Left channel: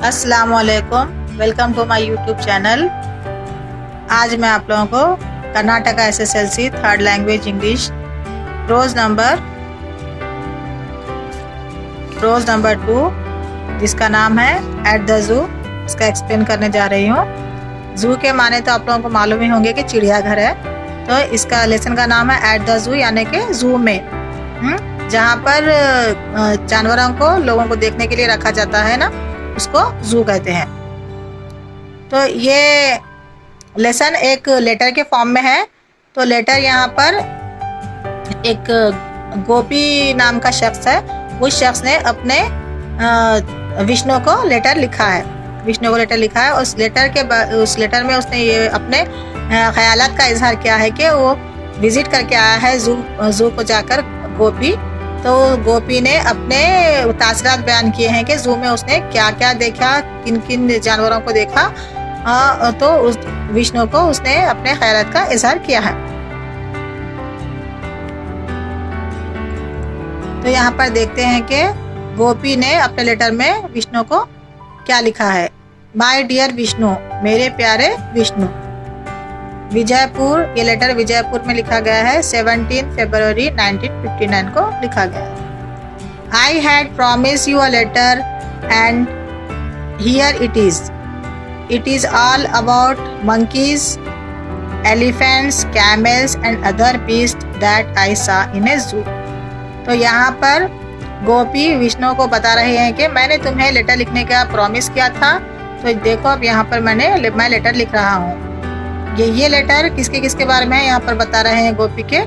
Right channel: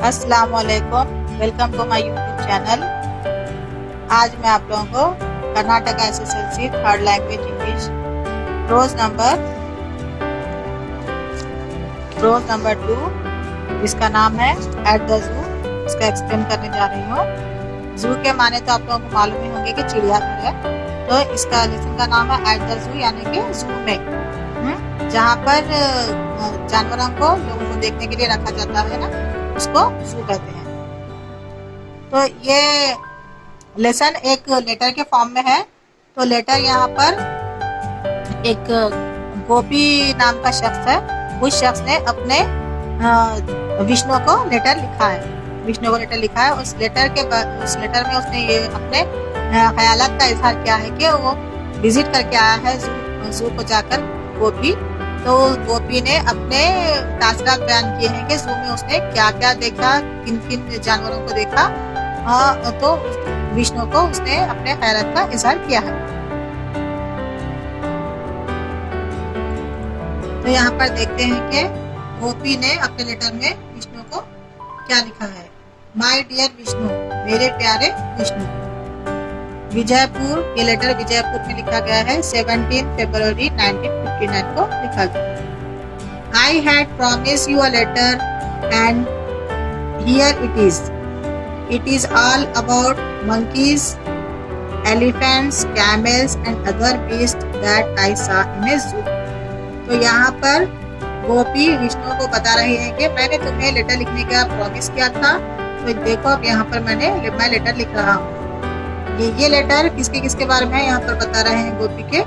अस्सलाम वालेकुम, welcome to my YouTube channel. आज मैं आप लोगों को Karnataka SSLC third language English prose number 2 जिसका नाम है एट द जू, इसका एक्सप्लेन करने जा रही हूँ। जू के माने तो आप लोगों को मालूम ही होंगे कि चिड़ियाघर है, तो इसका लेसन का नाम है एट द जू, यानी कि जू में, जहाँ पर जानवरों को लोगों को देखने के लिए रखा जाता है ना, उसको जू कहते हैं। तो ये लेसन एक लेटर के फॉर्म में है। तो लेटर यहाँ पर एक गोपी नाम का शख्स है, उस शख्स ने अपने विष्णु को लेटर लिखा है। उस लेटर में उसने ये अपने ख्यालात का इजहार किया है कि वो विजिट करके आया है जू को जाकर गोपी। तो गोपी ने अपने तासरात बयान किए हैं कि जू में उसने क्या क्या देखा, किन किन जानवरों को देखा। तो उस विष्णु को उसने अपने ख्यालात का इजहार किया है। तो यहाँ पर देखते हैं कि गोपी ने अपने लेटर में विष्णु को क्या लिखा है। माय डियर विष्णु, मेरे प्यारे विष्णु। विजयपुर, ये लेटर विजयपुर में लिखा गया है। 17 फरवरी 1959 को लिखा गया है। I had promised you a letter and here it is. It is all about monkeys, elephants, camels and other beasts that I saw in a zoo. तो यहाँ पर गोपी विष्णु को बता रहे हैं कि मैंने तुम्हें लेटर लिखने का प्रॉमिस किया था, तो देखो अब यहाँ पर मैं लेटर लिख रहा हूँ। ये लेटर किसके बारे में है यहाँ पर बता रहे हैं गोपी के।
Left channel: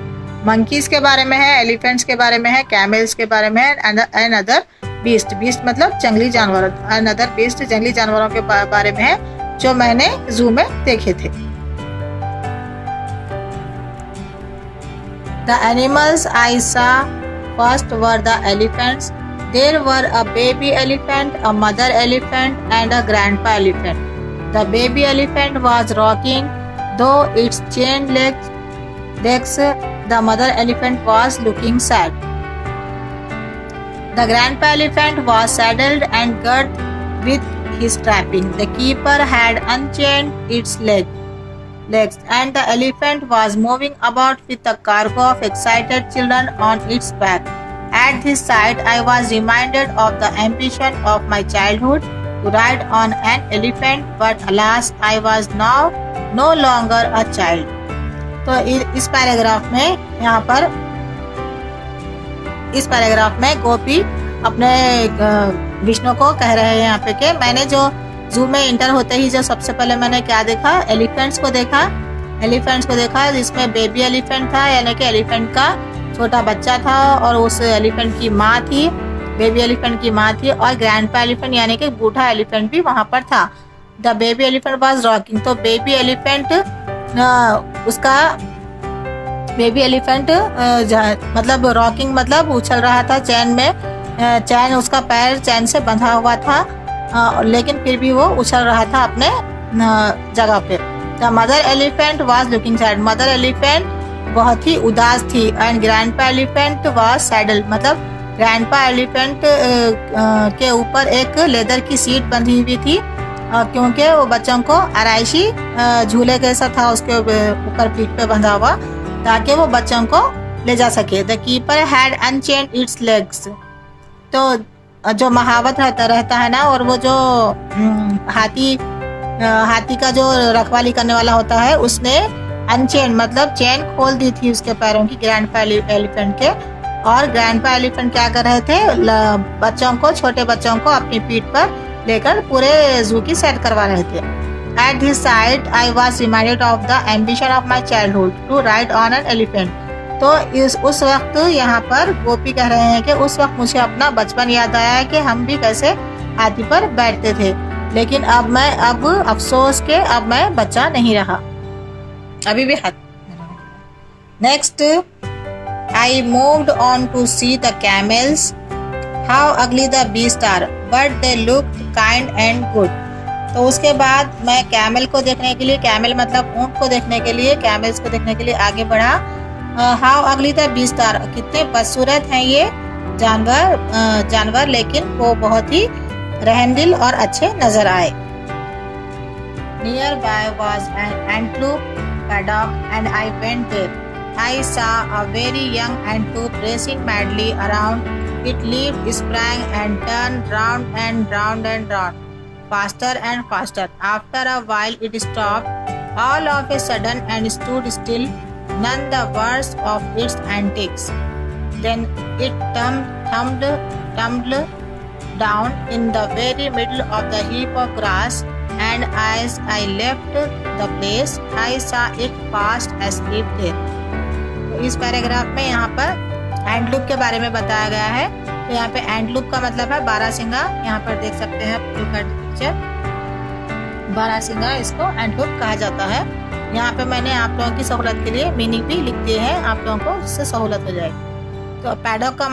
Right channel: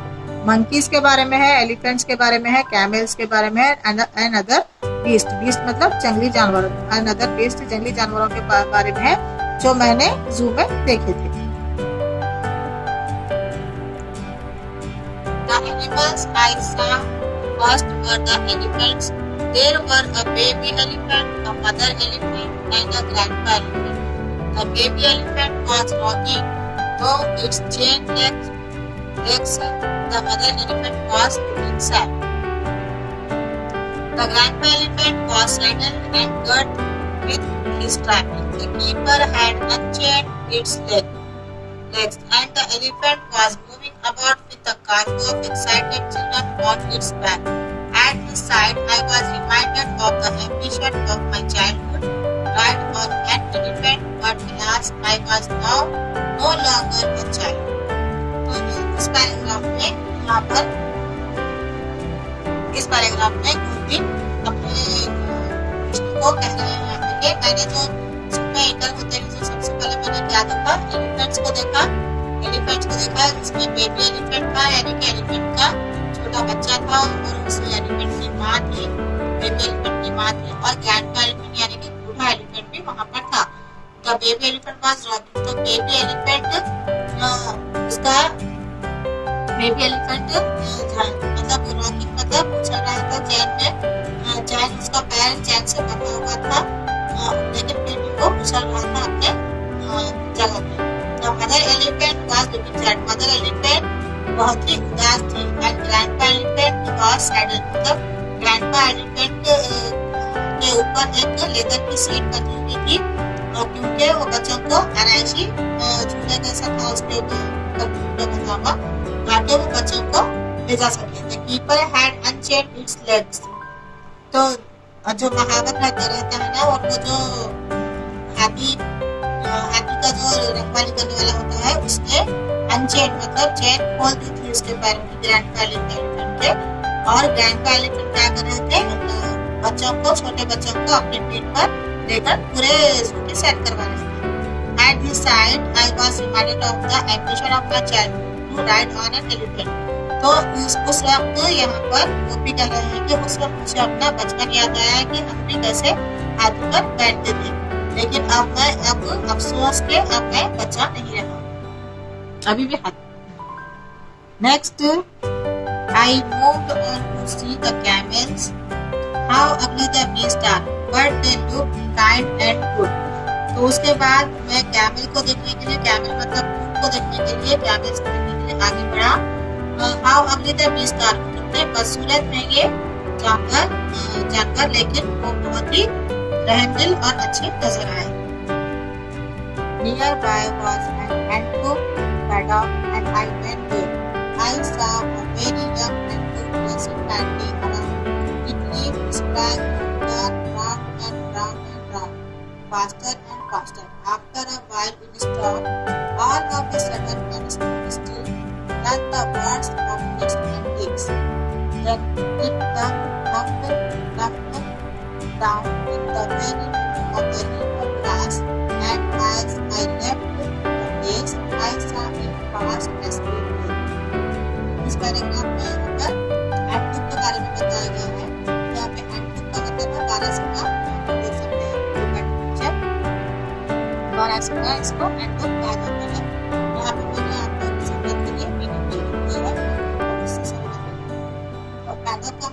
मंकीज के बारे में है, एलिफेंट्स के बारे में है, कैमल्स के बारे में है, एंड अदर बीस्ट मतलब जंगली जानवर, एंड अदर बीस्ट जंगली जानवरों के बारे में है जो मैंने जू में देखे थे। The animals I saw first were the elephants. There were a baby elephant, a mother elephant and a grandpa elephant. The baby elephant was rocking, though its chain legs. The mother elephant was looking sad. The grandpa elephant was saddled and girt with his trapping. The keeper had unchained its legs, and the elephant was moving about with a cargo of excited children on its back. At this sight, I was reminded of the ambition of my childhood to ride on an elephant, but alas, I was now no longer a child. तो इस paragraph में गोपी अपने विष्णु को कह रहे हैं यहाँ पे कि मैंने जो जू में इंटर होते ही जो सबसे पहले मैंने क्या देखा, एलिफेंट्स को देखा जिसमें बेबी एलिफेंट था, यानी कि एलिफेंट का छोटा बच्चा था, और उस एलिफेंट की माँ थी, बेबी एलिफेंट की माँ थी, और ग्रैंडपा एलिफेंट यानी कि बूढ़ा एलिफेंट भी वहां पर था। The baby elephant was rocking, तो बेबी एलिफेंट मतलब रॉकिंग मतलब उछल रहा था चैन में, चैन उसका पैर चैन से बंधा हुआ था, लेकिन फिर भी वो उछल रहा था अपने जगह पे। The mother elephant was looking sad, mother elephant बहुत ही उदास थी, and grandpa elephant was saddle, मतलब ग्रैंडपा एलिफेंट के ऊपर एक लेदर की सीट बंधी हुई थी, क्योंकि वो बच्चों को आराइशी झूले जैसा था उसके ऊपर पीठ पे बंधा हुआ, ताकि वो बच्चों को ले जा सके। The keeper had unchained it's legs, तो जो महावत रहता है ना, और वो जो हाथी का जो रखवाली करने वाला होता है, उसने अनचेन मतलब चेन खोल दी थी उसके पैरों की, ग्रैंडपा एलिफेंट के। और ग्रैंडपा एलिफेंट क्या कर रहे थे, छोटे बच्चों को अपनी पीठ पर लेकर पूरे जू की सैर करवा रहे थे। At this sight, I was reminded of the ambition of my childhood to ride on an elephant. तो उस वक्त यहाँ पर गोपी कह रहे हैं कि उस वक्त मुझे अपना बचपन याद आया है कि हम भी कैसे हाथी पर बैठते थे, लेकिन अब अफसोस के अब मैं बच्चा नहीं रहा, अभी भी हाथी। Next, I moved on to see the camels. How ugly the beasts are, but they looked kind and good. तो उसके बाद मैं कैमल को देखने के लिए, कैमल मतलब ऊंट को देखने के लिए, कैमल्स को देखने के लिए आगे बढ़ा। हाउ अगली द बीस्ट आर, कितने बदसूरत हैं ये जानवर, लेकिन वो बहुत ही रहमदिल और अच्छे नजर आए। Near by was an antelope paddock and I went there. I saw a very young antelope racing madly around. It leaped, sprang and turned round and round and round, faster and faster. After a while it stopped all of a sudden and stood still, none the worse of its antics. Then it tumbled down in the very middle of the heap of grass, and as I left the place, I saw it fast asleep there. इस paragraph में यहाँ पर एंटलूप के बारे में बताया गया है। तो यहाँ पे एंटलूप का मतलब है बारहसिंगा। यहाँ पर देख सकते हैं पिक्चर, बारहसिंगा इसको एंटलूप कहा जाता है। यहाँ पे मैंने आप लोगों की सहूलत के लिए मीनिंग भी लिख दिए हैं, आप लोगों को इससे सहूलत हो जाएगी। तो पैडॉक का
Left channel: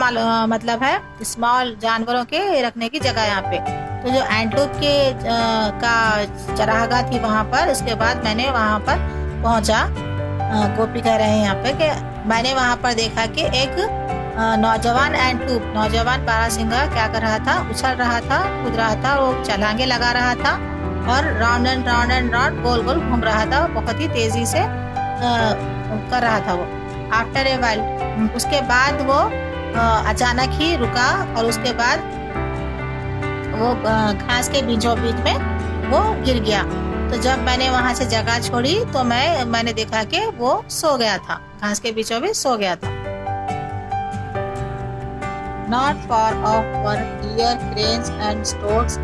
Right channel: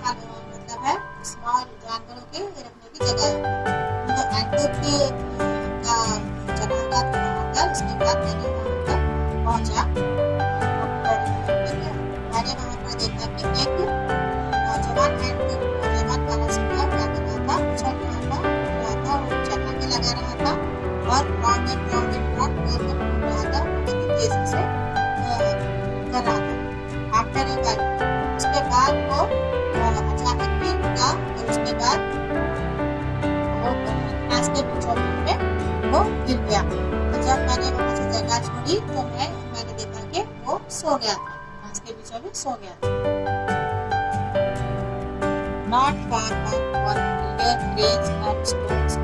मतलब है स्मॉल जानवरों के रखने की जगह यहाँ पे। तो जो एंटलूप के का चरागाह थी वहाँ पर, उसके बाद मैंने वहाँ पर पहुँचा। गोपी कह रहे हैं यहाँ पे कि मैंने वहाँ पर देखा कि एक नौजवान एंटलूप, नौजवान बारहसिंगा क्या कर रहा था, उछल रहा था, कूद रहा था, वो छलांगे लगा रहा था और राउंड एंड राउंड गोल गोल घूम रहा था, बहुत ही तेजी से कर रहा था वो। आफ्टर ए वाइल, उसके बाद वो अचानक ही रुका और उसके बाद वो घास के बीचों बीच में वो गिर गया। तो जब मैंने वहां से जगह छोड़ी तो मैंने देखा कि वो सो गया था, घास के बीचों बीच सो गया था। Not far off were deer, cranes and storks.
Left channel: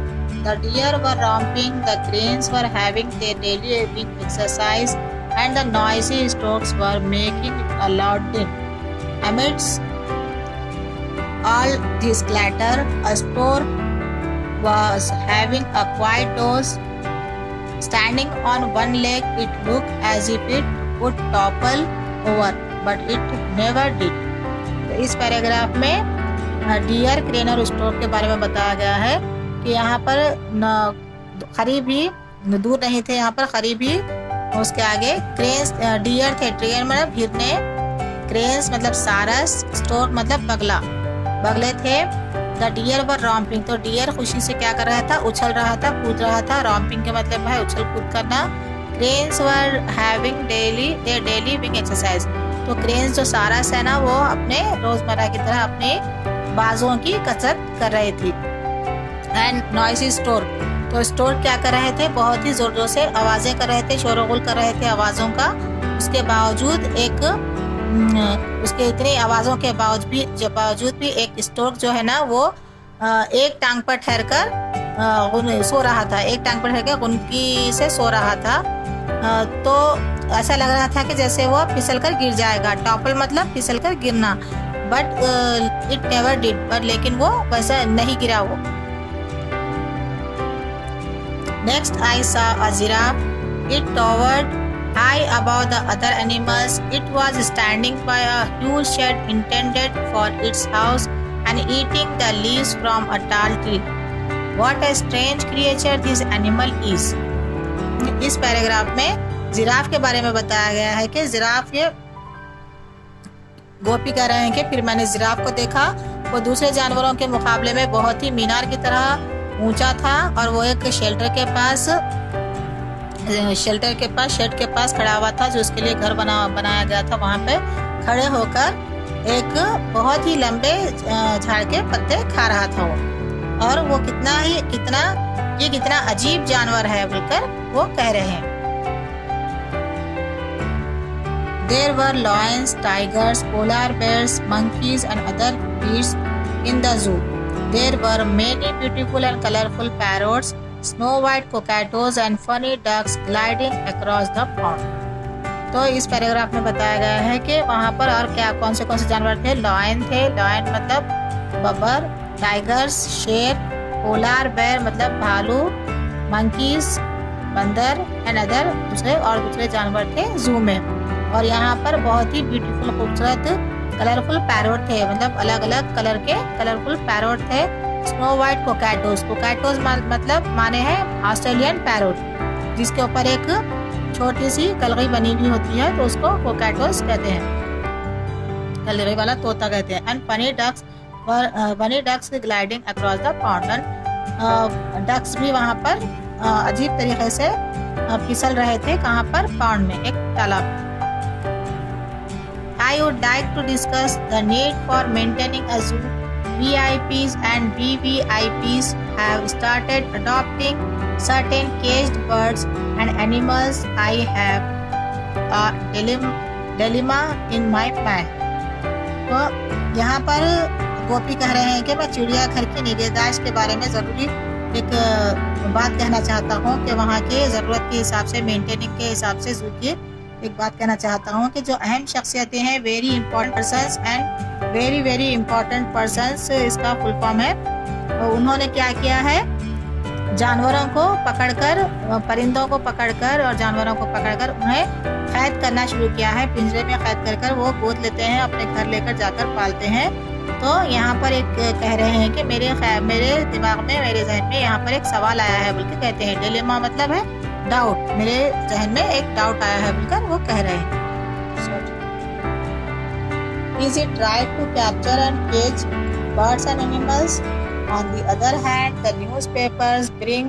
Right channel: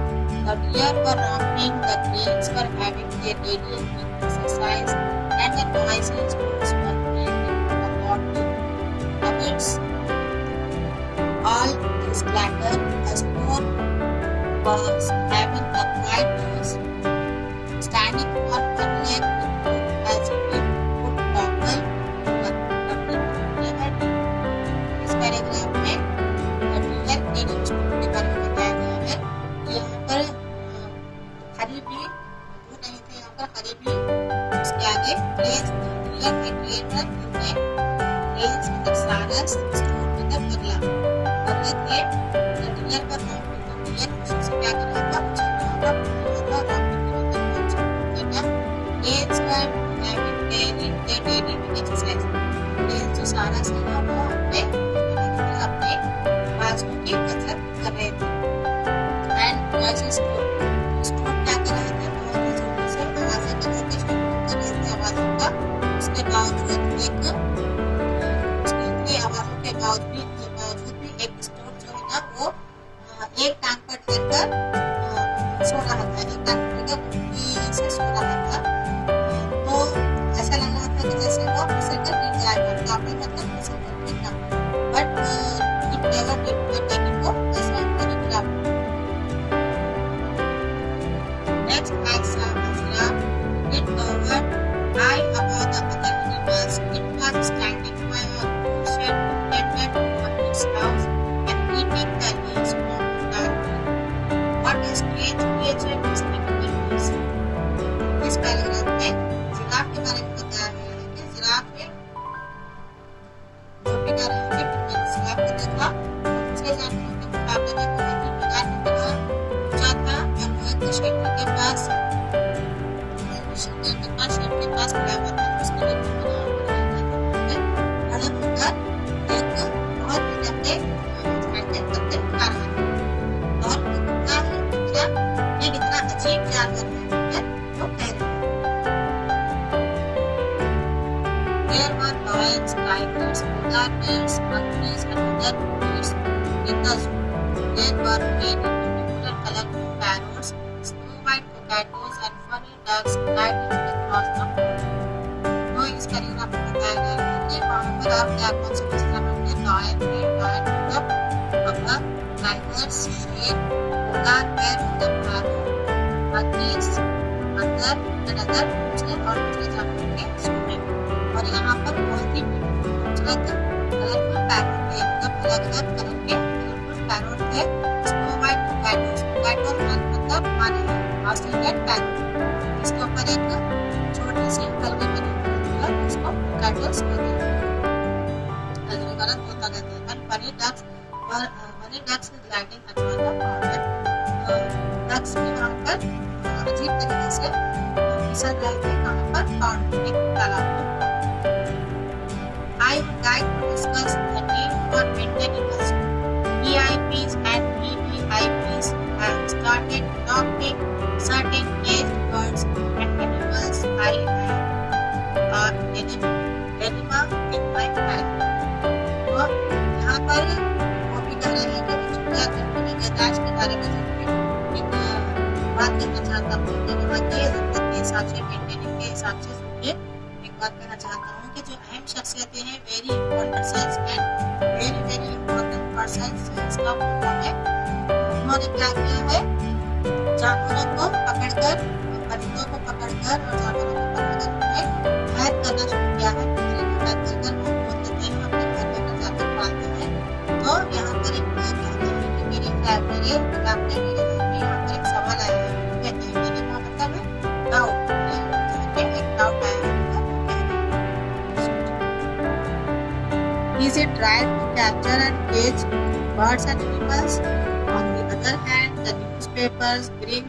The deer were romping, the cranes were having their daily wing exercise, and the noisy storks were making a loud din. Amidst all this clatter, a stork was having a quiet doze. Standing on one leg, it looked as if it would topple over, but it never did. इस paragraph में dear, crane और Stork के बारे में बताया गया है कि यहाँ पर करीब ही दूर नहीं थे, यहाँ पर करीब ही उसके आगे क्रेन्स, डियर थे, डियर मतलब हिरने, क्रेन्स मतलब सारस, स्टोर्क मतलब बगला, बगले थे। द डियर वर रॉम्पिंग, तो डियर खुशी से क्या कर रहा था, उछल रहा था, कूद रहा था। रॉम्पिंग के मतलब है उछल कूद करना। Cranes were having daily wing exercise, तो क्रेन्स जो सारस है ना, वो अपने रोजमर्रा की तरह अपने बाजों की कसरत कर रहे थे। एंड नॉइसी स्टोर्क, तो स्टोर्क क्या कर रहे थे, बहुत ही जोर जोर से आवाजें कर रहे थे, शोरगुल कर रहे थे आवाजों का। उसके बावजूद उसके इतनी आवाजों के बावजूद भी एक स्टोर्क जो है ना, वो एक टांग पर ठहरकर सो रहा था, एक टांग पर ठहरकर गुनकी से सो रहा था। तो ऐसा लग रहा था कि जैसे वो फिसल कर गिर जाएगा। टॉपल मतलब फिसल कर गिरना, बट इट नेवर डिड, पर लेकिन वो वैसा नहीं गिरा वो। Next I saw a giraffe, it towered high above the other animals. It was standing by a huge shed intended for its house and eating the leaves from a tall tree. What a strange creature this animal is. इस paragraph में giraffe के बारे में बताया गया है कि giraffe, ये गोपी कह रहे हैं कि फिर मैंने जिराफ को देखा, वो दूसरे जानवरों के मुकाबले में बहुत ही मीनार की तरह ऊंचा था और वो एक शेड के पास खड़ा हुआ था, जो उसके लिए घर बनाया गया था। वहां पे खड़े होकर एक बहुत ही लंबे झाड़ के पत्ते खा रहा था वो, और वो कितना अजीब जानवर है बोलकर वो कह रहे हैं। There were lions, tigers, polar bears, monkeys and other beasts in the zoo. There were many beautiful and colorful parrots, snow white cockatoos and funny ducks gliding across the pond. तो इस पैराग्राफ में बताया गया है कि वहाँ पर और कौन से जानवर थे। लायन थे, लायन मतलब बबर, टाइगर्स शेर, पोलार बेयर मतलब भालू, मंकीज बंदर एंड अदर दूसरे जानवर थे जू में। और यहाँ पर बहुत ही ब्यूटीफुल खूबसूरत कलरफुल पैरोट थे, मतलब अलग अलग कलर के कलरफुल पैरोट थे। स्नो वाइट कोकैटोस, कोकैटोस मतलब माने है ऑस्ट्रेलियन पैरोट, जिसके ऊपर एक छोटी सी कलगी बनी हुई होती है, तो उसको कोकैटोस कहते हैं, कलगी वाला तोता कहते हैं। And bunny ducks gliding across the pond, ducks भी वहाँ पर अजीब तरीके से फिसल रहे थे। कहाँ पर? पॉन्ड में, एक तालाब में। I would like to discuss the need for maintaining a zoo. VIPs and VVIPs have started adopting certain caged birds and animals. I have a dilemma in my plan. तो यहाँ पर गोपी कह रहे हैं कि मैं चिड़ियाघर की निगहदाश्त के बारे में ज़रूरी एक बात कहना चाहता हूँ कि वहाँ की ज़रूरत के हिसाब से, मेंटेनिंग के हिसाब से जू की एक बात कहना चाहता हूँ कि जो अहम शख्सियतें हैं, very important persons and very important persons, इसका फुल फॉर्म है। तो उन्होंने क्या किया है? जानवरों को पकड़कर, परिंदों को पकड़कर और जानवरों को पकड़कर उन्हें कैद करना शुरू किया है। पिंजरे में कैद कर वो गोद लेते हैं, अपने घर लेकर जाकर पालते हैं। तो यहाँ पर एक कह रहे हैं कि मेरे दिमाग में, मेरे जहन में यहाँ पर एक सवाल आया है, बोलकर कहते हैं। डिलेमा मतलब है डाउट, मेरे जहन में एक डाउट आया है बोलकर वो कह रहे हैं। Is it right to capture and cage birds and animals? On the other hand, the newspapers bring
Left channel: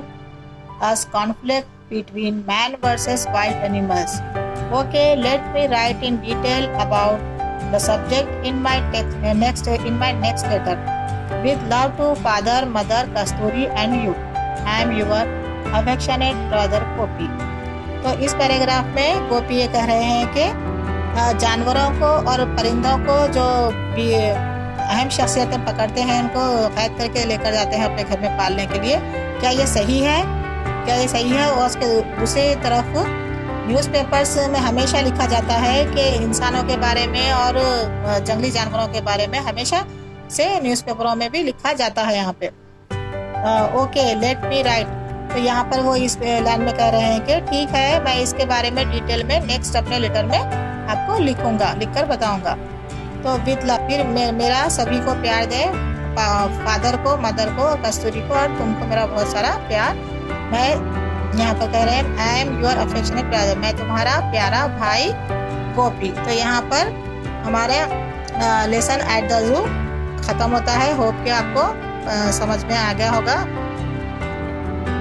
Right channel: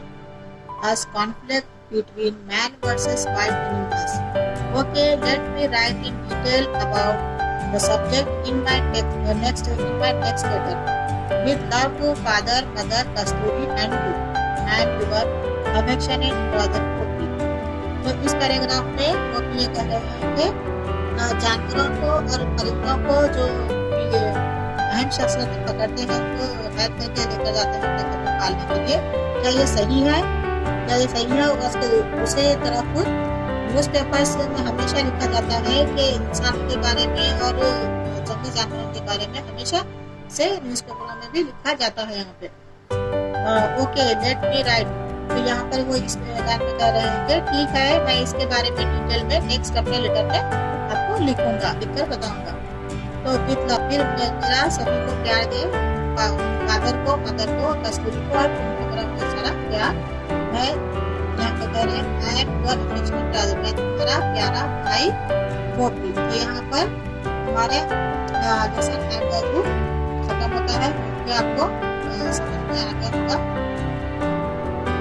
us conflict between man versus wild animals. Okay, let me write in detail about the subject in my next letter. With love to father, mother, Kasturi and you. I am your affectionate brother गोपी। तो इस paragraph में गोपी ये कह रहे हैं कि जानवरों को और परिंदों को जो भी अहम शख्सियतें पकड़ते हैं, उनको कैद करके लेकर जाते हैं अपने घर में पालने के लिए, क्या ये सही है? क्या ये सही है? और उसके दूसरी तरफ न्यूज़पेपर्स में हमेशा लिखा जाता है कि इंसानों के बारे में और जंगली जानवरों के बारे में हमेशा से न्यूज़पेपरों में भी लिखा जाता है यहाँ पे। Okay, let me right. तो यहाँ पर वो इस लाइन में कह रहे हैं कि ठीक है, मैं इसके बारे में डिटेल में नेक्स्ट अपने लेटर में आपको लिखकर बताऊंगा। तो विथ लव, फिर मेरा सभी को प्यार दे, फादर को, मदर को, कस्तूरी को और तुमको मेरा बहुत सारा प्यार। मैं यहाँ पर कह रहे हैं I am your affectionate brother, मैं तुम्हारा प्यारा भाई गोपी। तो यहाँ पर हमारे लेसन एट द जू खत्म होता है। होप कि आपको समझ में आ गया होगा।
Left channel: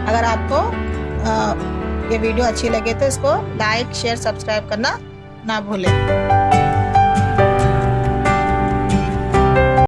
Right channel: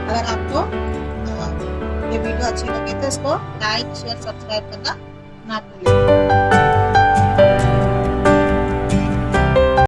अगर आपको ये वीडियो अच्छी लगे तो इसको लाइक, शेयर, सब्सक्राइब करना ना भूलें।